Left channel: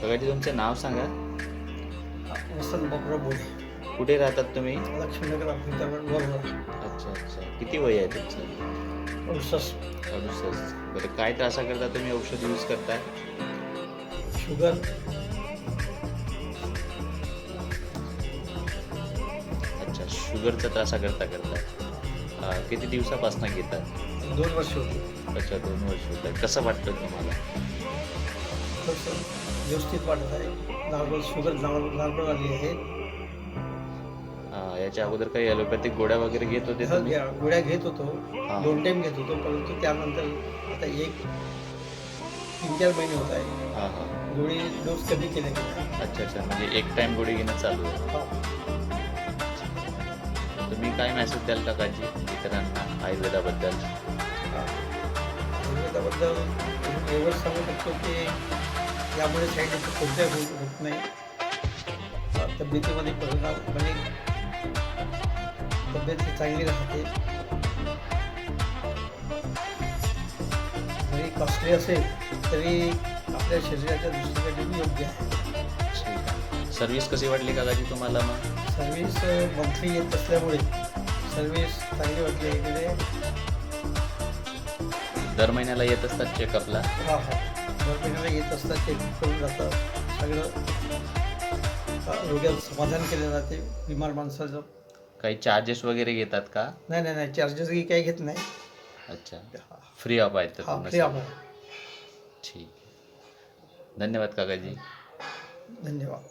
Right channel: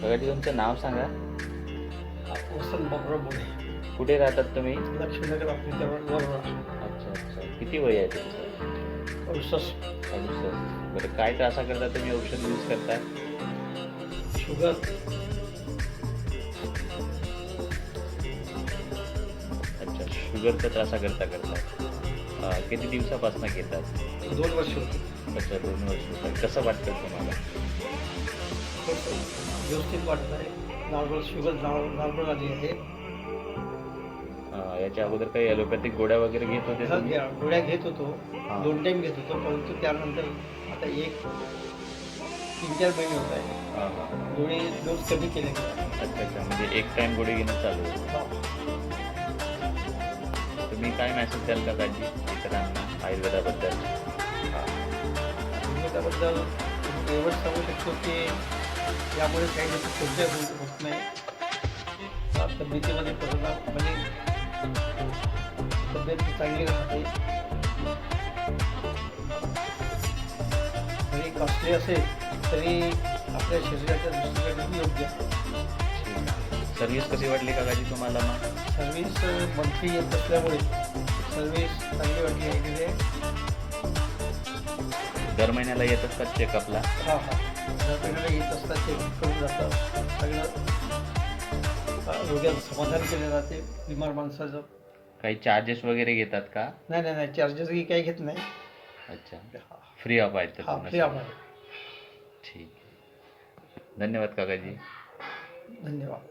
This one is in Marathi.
काकाजी तुमचं नाव सांगा. वसंत बाबुराव बोले, कुठे राहतात तुम्ही? लक्ष्मीनगर आपल्यावर वरोरा. अच्छा अच्छा. किती वय आहे तुमचं? 68. 68. बरं, काय त्रासा करता तुम्ही औषध यूज करताय? शुगर. अच्छा, शुगरचा त्रासा करता किती दिवसापासून घेतात? 2 वर्ष होते. अच्छा, 2 वर्ष होतात. कसं वाटतं तुम्हाला? थोडंसं व्यवस्थित वाटत आहे. नॉर्मल शुगर नॉर्मल आली आहे. याच्या अगोदर काही ॲलोपॅथिक गोळ्या वगैरे घेत होते हा तुम्ही? गोळ्या घेत होतो. हां. 2 टाईम घेत होतो, परंतु त्यानंतर आता 3-4 महिने होत आहे. हां हां. गोळी डोस कमी केले गेले. अच्छा अच्छा. म्हणजे एक टाईम गोळी घेणं चालू आहे. हा. तुम्ही काय मेसेज द्याल काकाजी इतरांना आयुर्वेदाबद्दल? आयुर्वेदाबद्दल एवढंच सांगू शकतो की यामुळे साईड इफेक्ट कोणत्याही होत नाही. तब्येतीमध्ये परिणाम म्हणजे तब्येत चांगली राहते. जरी कॉस्टली असेल तरी आपल्या शरीराच्या दृष्टीने योग्य आहे. ठीक आहे. सर्व्हिस कशी वाटली काकाजी तुम्हाला मग? सर्व्हिस मंथली येत असल्यामुळे सर्व्हिस चांगली वाटली आहे की दर महिन्याला येत असतात चेकअपला? हां हां दर महिन्याला येत असतात, ते करून जातं सगळं. रोग्याचं समाधान केलं जाते बिमार माणसाचं. काही चार्जेस वगैरे घेतात का? नाही नाही नाही, चार्जेसही काही घेत नाही. अच्छा, फ्री ऑफ आहेत तर हां, पूर्ण फ्री सगळं. आहे. ठीक आहे. धन्यवाद काकाजी. धन्यवाद.